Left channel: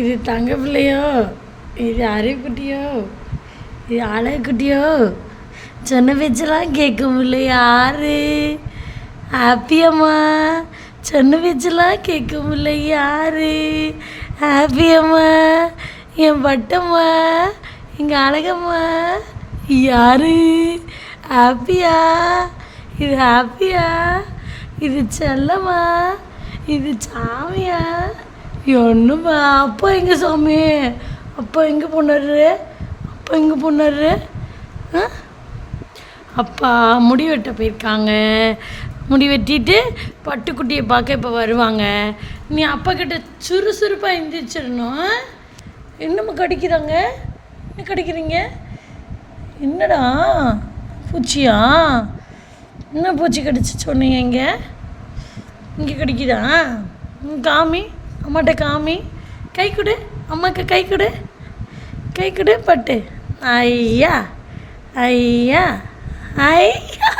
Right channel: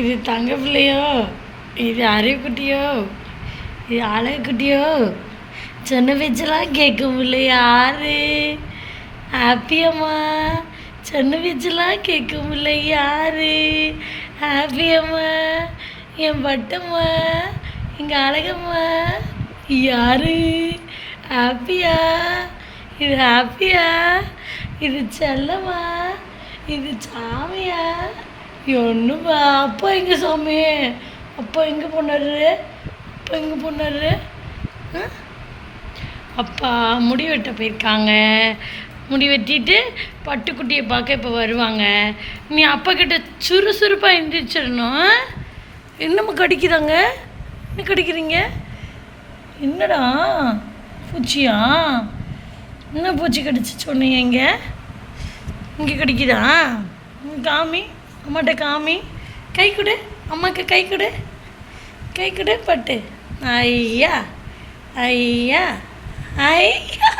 இது தங்க பிள்ளையோ, இது அறிவுக்குட்டியோ, இது அழகுக்குட்டியோ, சொன்ன பேச்செல்லாம் கேட்கும்ல யாரு? ஹாப்பியம்மா, சொன்ன பேச்செல்லாம் கேட்கும்ல யாரு? ஹாப்பியம்மா, என் பட்டம்மா, எங்கள் அழகம்மா யாரு? ஹாப்பியா? இது ஹாப்பியா? இது செல்லம்மா, இது சாமியா? ஒன்றுமா. அப்பா எங்கே சாமி? அப்பா எங்கே போனாரு? அப்பா எங்கே போனாரு? அப்பா முடி வெட்ட போயிருக்காங்க. முடி வெட்டிட்டு பட்டுக்குட்டியை பார்க்க இப்போ வருவாங்க. நீ அப்பா கிட்ட சுறுசுறுப்பாக எந்திரிச்சிடணும். என்னம்மா கடிக்கிறாங்க? என்ன கடிக்கிறீங்க? என்னடா பூச்சியா? என்ன பூச்சி கடிச்சு சொன்னீங்க? இங்கே கடிக்குதா? காமி, அம்மாட்ட காமி. கை கொடு, அம்மாவுக்கு கை கொடு, கை கொடு பட்டு. ஐயா ஐயா ஐயா,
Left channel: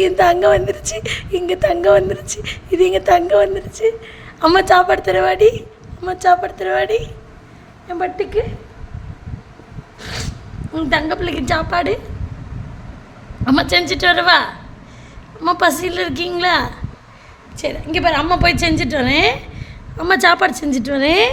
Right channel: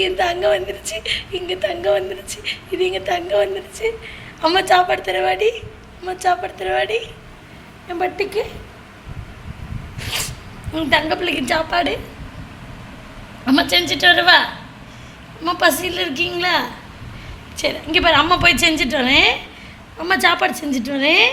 என் தங்கம் வந்துருச்சு, இங்கே தங்கம் வந்துருச்சு, இது எங்கள் தங்கம் வந்துருச்சு. அம்மா சாப்பாடு தருவாடி, அம்மா சாப்பாடு தருவாடி என் பட்டுக்கு. உங்கள் தங்க பிள்ளைக்கு சாப்பாடு அம்மா செஞ்சுட்டு வரவா? அம்மா பசியில் இருக்கீங்களா? சரி, இங்கே பாரு, அம்மா போய் செஞ்சுட்டு வரேன். அம்மா சாப்பாடு செஞ்சுட்டு வரேன்.